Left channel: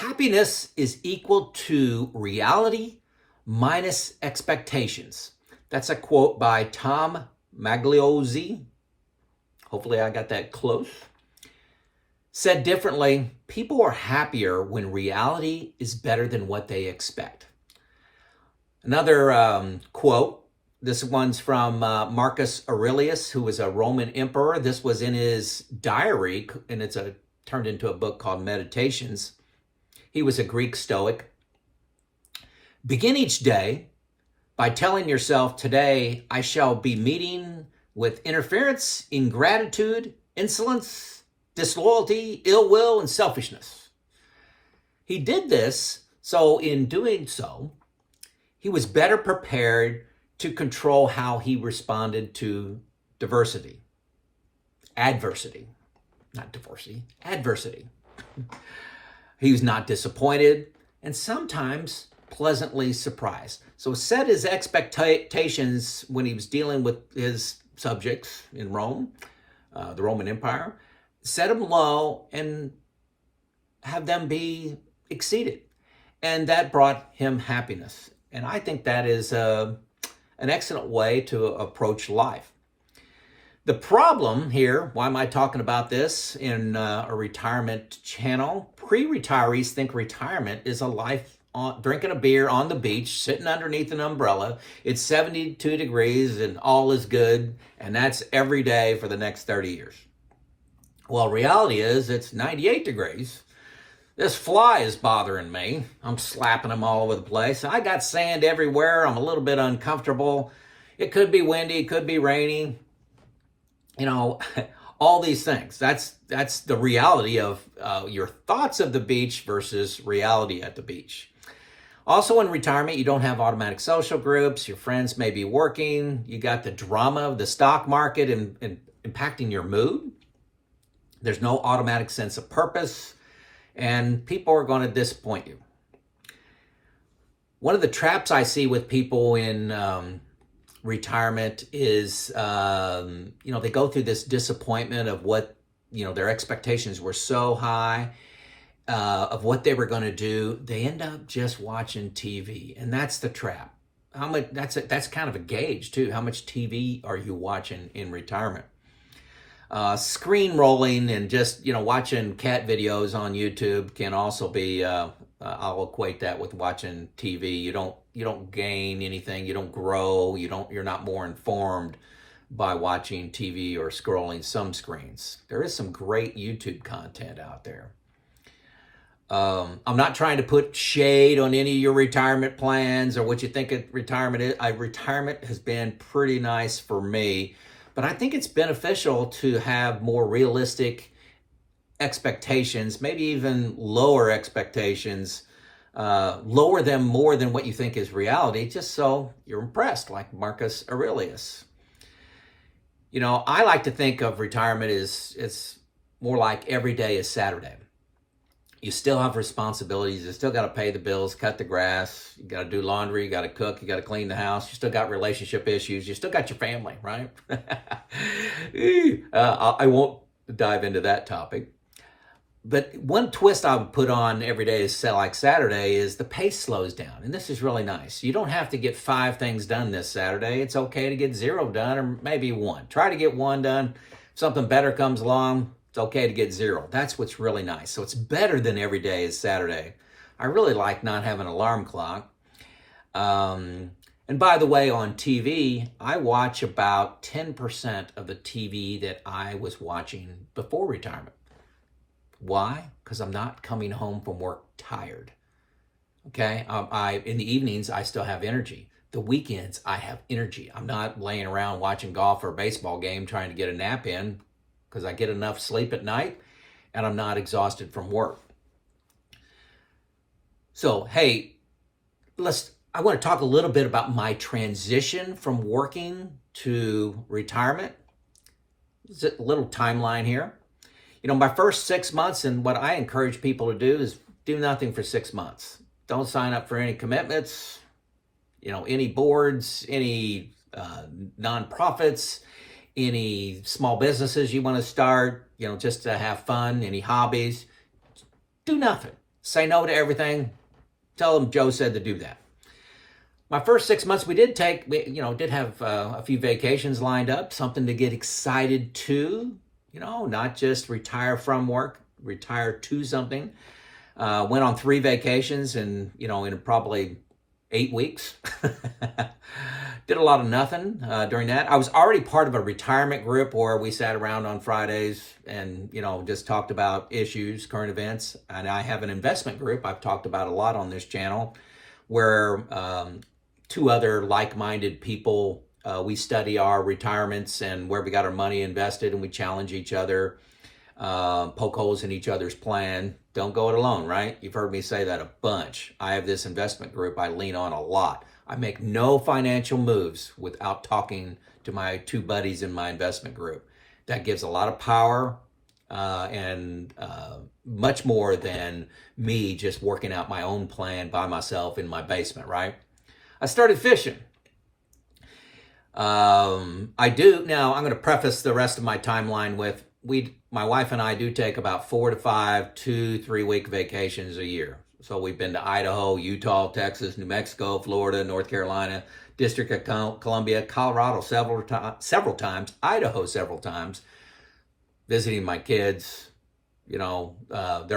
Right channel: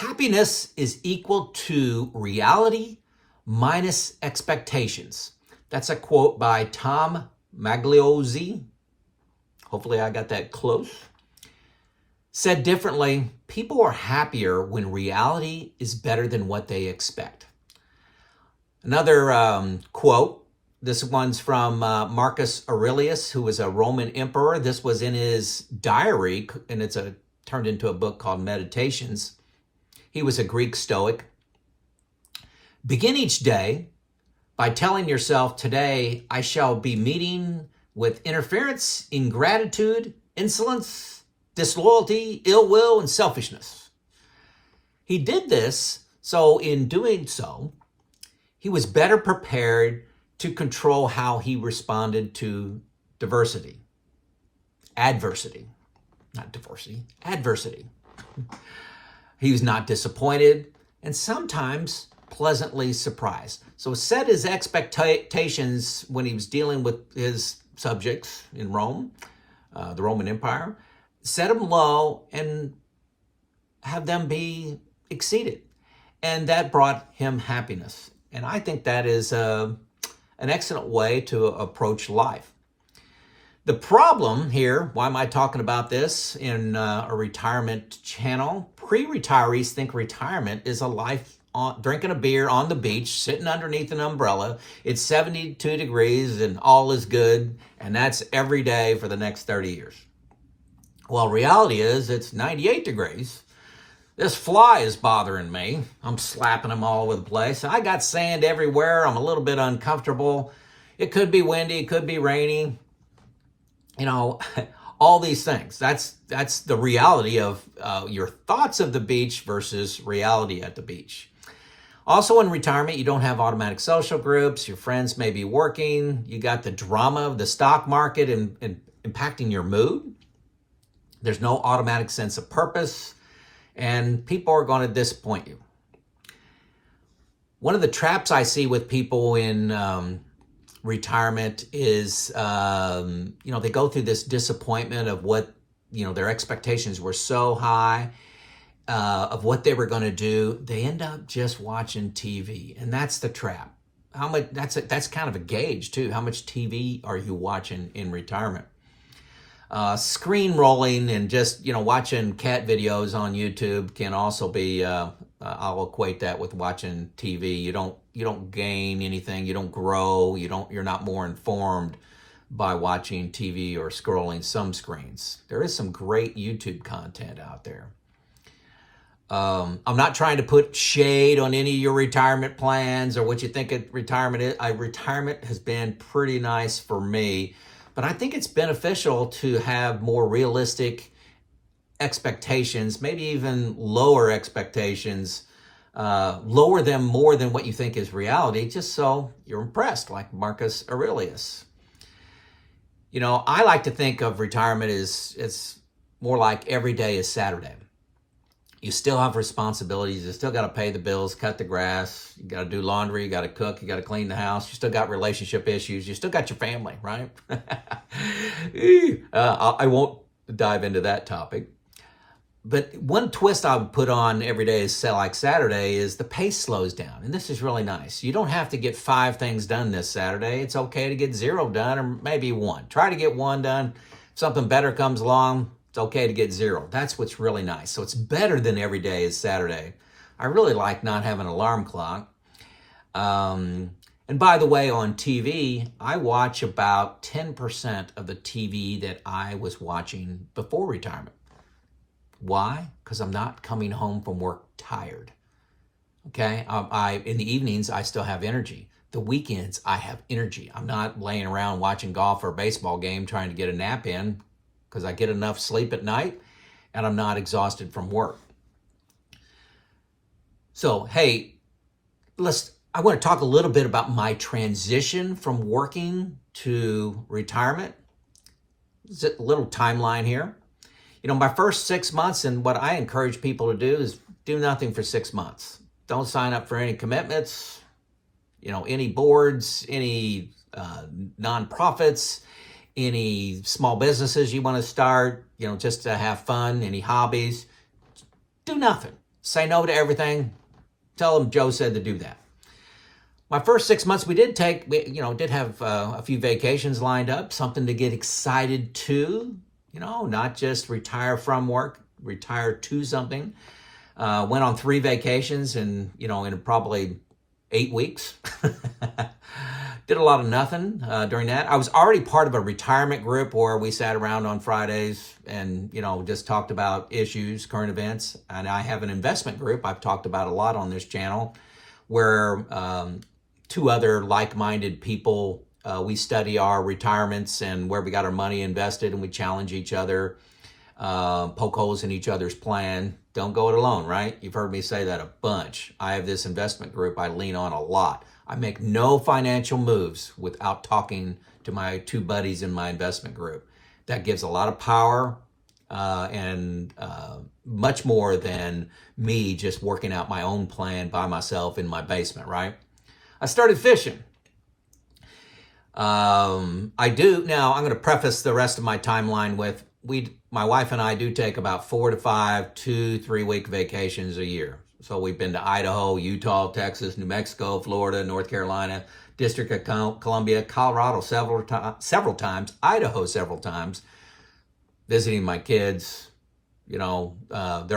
Happiness is equal to reality minus expectations. That's a quote by Tom Magliozzi. Hopefully I got that close. Said differently, people are happier when reality is better than what they expect. Another quote, this one's from Marcus Aurelius, who was a Roman emperor. This was in his diary, and it's turned into a book called Meditations. He was a Greek Stoic. Begin each day by telling yourself, today I shall be meeting with interference, ingratitude, insolence, disloyalty, ill will, and selfishness. He did this, so in doing so, he was better prepared to control how he responded to adversity. He was not disappointed and sometimes pleasantly surprised. So set his expectations when he was dealing with his subjects in Rome, the Roman Empire, set them low and have them be exceeded. And that brought him happiness. And I think that is an excellent way to approach life. The problem here, why am I talking about this in a retirement channel? Pre-retirees think retirement is a life drinking a beer on the beach, sitting underneath an umbrella. It's 72 degrees and all is good. And that's every day for the next 30 years. Well, reality is it's 98 degrees. This fly is bothering me. I'm slapping them all over the place. I got sand everywhere. I'm a little bit uncomfortable. It could be windy. It could be rainy. You know, all these things. That's the reality of your thoughts of the beach versus reality at the beach. Also in retirement, you don't have automatic social groups. Your friends may be working. You got the drama of the stock market and impacting your mood. There's no automatic sense of purpose. And people are going to disappoint you. One of the traps I see with people in retirement is, they go through this disappointment of what, their expectations were so high of what they were going to do. They end up just watching TV, and that's the trap. How much? That's kind of a gauge too. How much TV are you watching in retirement? Screen rolling and just, watching cat videos on YouTube can also be, I'll equate that with watching TV. You don't gain anything. You don't grow. You're not more informed by watching TV or scrolling some screens. There is some great YouTube content out there. I'm not trying to put shade on any of your retirement plans or what you think retirement is. Retirement has been pretty nice for me. But I think it's beneficial to have more realistic expectations, maybe even lower expectations, lower them more than what you think is reality, just so you're impressed, like Marcus Aurelius. I like to think of retirement as it's more like every day is Saturday. You still have responsibilities. You still got to pay the bills, cut the grass. You got to do laundry. You got to cook. You got to clean the house. You still got relationship issues. You still got your family, right? I won't dive into that topic. But one twist I would put on every day is like Saturday is the pace slows down. And this is really nice. You don't have to get 5 things done this Saturday. It's okay to get 0 done or maybe 1. Try to get 1 done. If something better comes along, it's okay to get 0. That's what's really nice. So it's better than every day is Saturday. I really like not having an alarm clock. And by the way, on TV, I watch about 10% of the TV that I was watching before retirement. Why? Because I'm not coming home from work tired. Okay? In the evenings, I still have energy. The weekends, I have energy. I'm not laying around watching golf or a baseball game trying to get a nap in, because I get enough sleep at night and I'm not exhausted from work. So, hey, I want to talk a little bit about my transition from working to retirement. It's a little timeline here. My first 6 months, and what I encourage people to do is do nothing for 6 months. Don't sign up for any commitments, any boards, any nonprofits, any small businesses you want to start, just to have fun, any hobbies. Do nothing. say no to everything. Tell them Joe said to do that. My first 6 months, we did have a few vacations lined up, something to get excited to, not just retire from work, retire to something. Went on 3 vacations in probably 8 weeks. Did a lot of nothing during that. I was already part of a retirement group where we sat around on Fridays and, just talked about issues, current events. And I have an investment group I've talked about a lot on this channel where 2 other like-minded people, we study our retirements and where we got our money invested, and we challenge each other, poke holes in each other's plan. Don't go it alone, right? You've heard me say that a bunch. I have this investment group I lean on a lot. I make no financial moves without talking to my 2 buddies in my investment group. That gives a lot of power and much more than me just working out my own plan by myself in my basement, right? I started fishing. Now I'm going to preface the rest of my timeline with my wife and I do take about 4 to 5, 2-3 week vacations a year. So we've been to Idaho, Utah, Texas, New Mexico, Florida, North Carolina, District of Columbia, Colorado several times, Idaho several times, visiting my kids. They're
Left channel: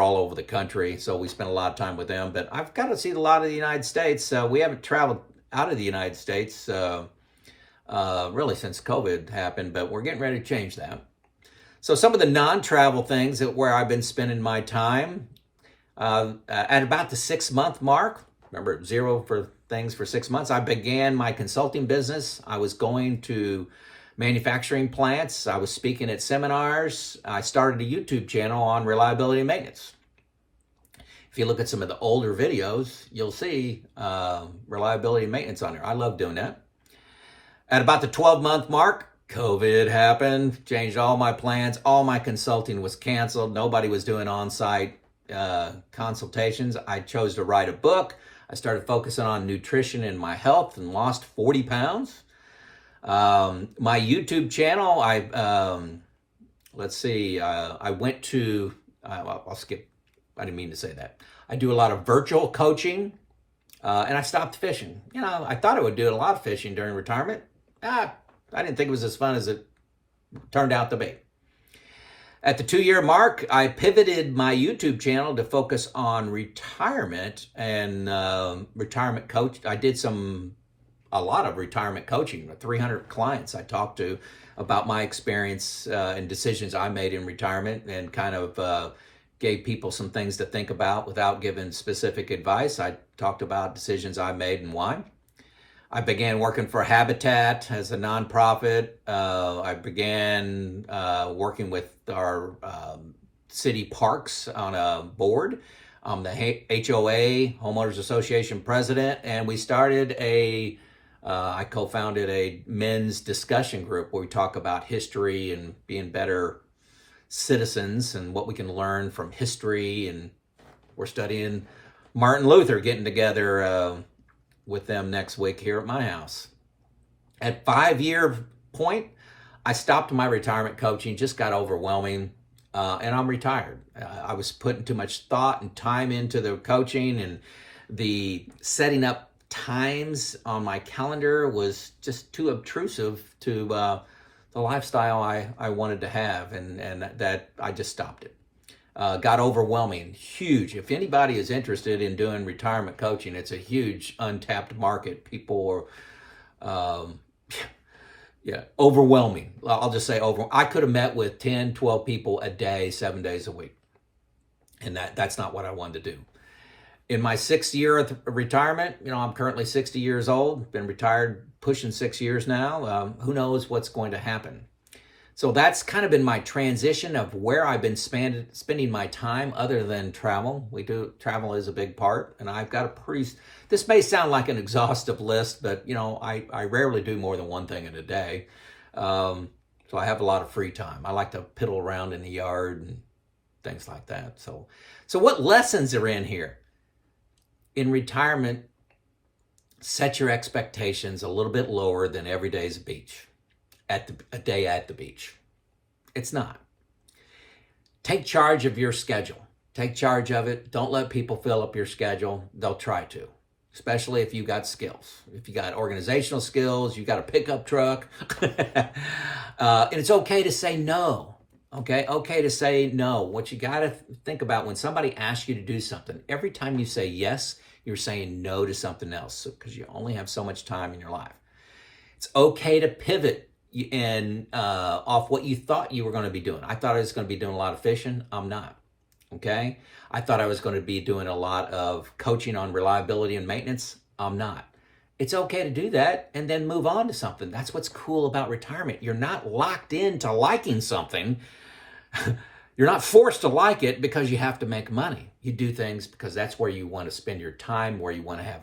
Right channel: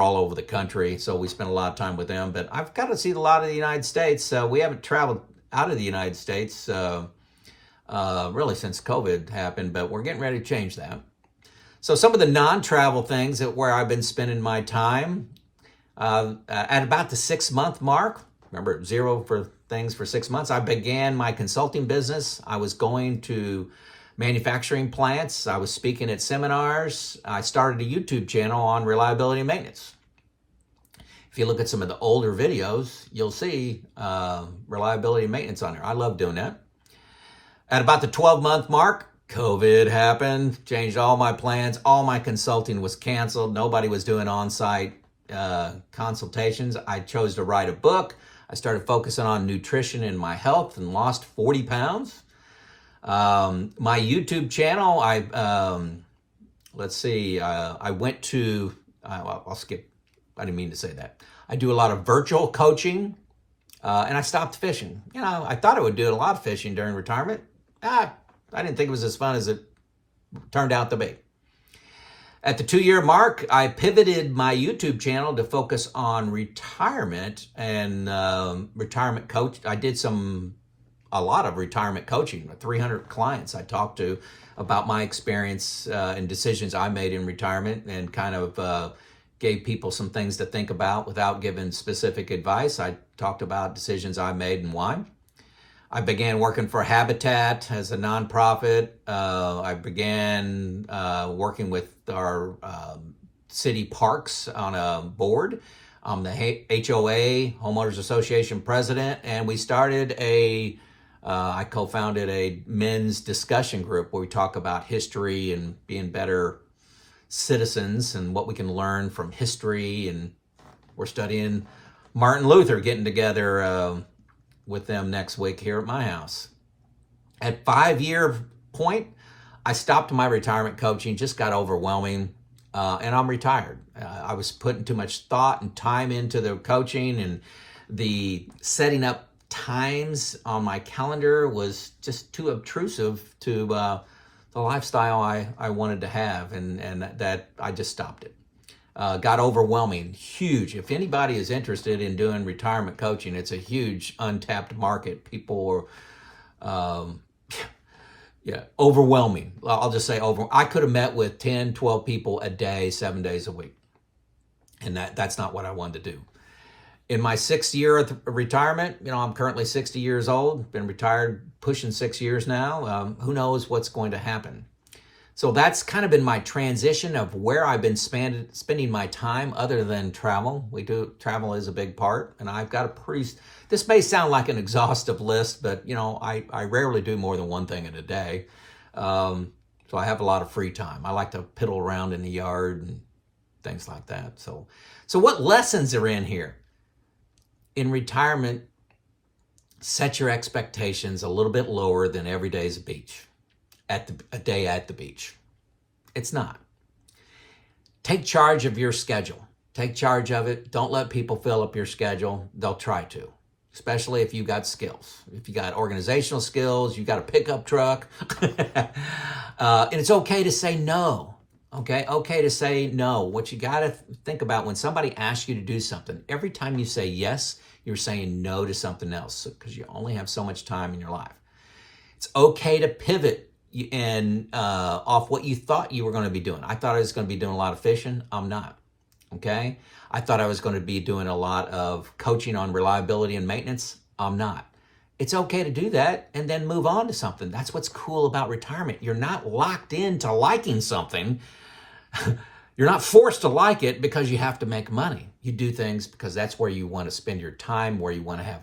all over the country, so we spend a lot of time with them. But I've got to see a lot of the United States. We haven't traveled out of the United States really since COVID happened, but we're getting ready to change that. So some of the non-travel things where I've been spending my time, at about the 6-month mark, remember 0 for things for 6 months, I began my consulting business. I was going to manufacturing plants. I was speaking at seminars. I started a YouTube channel on reliability and maintenance. If you look at some of the older videos, you'll see reliability and maintenance on there. I love doing that. At about the 12-month mark, COVID happened, changed all my plans. All my consulting was canceled. Nobody was doing on-site consultations. I chose to write a book. I started focusing on nutrition and my health and lost 40 pounds. My YouTube channel, I went to, I'll skip, I didn't mean to say that. I do a lot of virtual coaching, and I stopped fishing. I thought I would do a lot of fishing during retirement. I didn't think it was as fun as it turned out to be. At the 2-year mark, I pivoted my YouTube channel to focus on retirement and retirement coach. I did a lot of retirement coaching, 300 clients I talked to about my experience and decisions I made in retirement, and kind of gave people some things to think about without giving specific advice. I talked about decisions I made and why. I began working for Habitat as a nonprofit. I began working with our city parks on a board. I'm the HOA, Homeowners Association president, and we started I co-founded a men's discussion group where we talk about history and being better citizens and what we can learn from history. And we're studying Martin Luther, getting together with them next week here at my house. At 5-year point, I stopped my retirement coaching, just got overwhelming, and I'm retired. I was putting too much thought and time into the coaching, and the setting up times on my calendar was just too obtrusive to the lifestyle I wanted to have, and that I just stopped it. Got overwhelming, huge. If anybody is interested in doing retirement coaching, it's a huge untapped market. People are, overwhelming. I'll just say I could have met with 10, 12 people a day, 7 days a week. And that's not what I wanted to do. In my 6th year of retirement, I'm currently 60 years old, been retired pushing 6 years now. Who knows what's going to happen? So that's kind of been my transition of where I've been spending my time other than travel. Travel is a big part, and I've got this may sound like an exhaustive list, but I rarely do more than one thing in a day. So I have a lot of free time. I like to piddle around in the yard and things like that. So what lessons are in here? In retirement, set your expectations a little bit lower than every day's a beach. A day at the beach. It's not. Take charge of your schedule. Take charge of it. Don't let people fill up your schedule. They'll try to, especially if you got skills. If you got organizational skills, you got a pickup truck. And it's okay to say no. Okay to say no. What you got to think about when somebody asks you to do something, every time you say yes, you're saying no to something else because you only have so much time in your life. It's okay to pivot and off what you thought you were going to be doing. I thought I was going to be doing a lot of fishing. I'm not. Okay. I thought I was going to be doing a lot of coaching on reliability and maintenance. I'm not. It's okay to do that and then move on to something. That's what's cool about retirement. You're not locked into liking something. You're not forced to like it because you have to make money. You do things because that's where you want to spend your time, where you want to have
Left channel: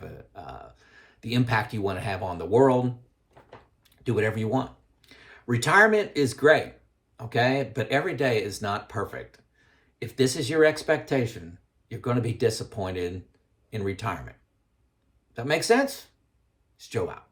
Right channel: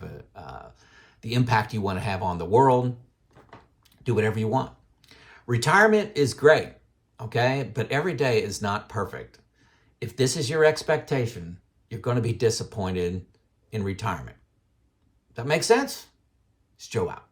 the impact you want to have on the world. Do whatever you want. Retirement is great, okay? But every day is not perfect. If this is your expectation, you're going to be disappointed in retirement. That makes sense? It's Joe out.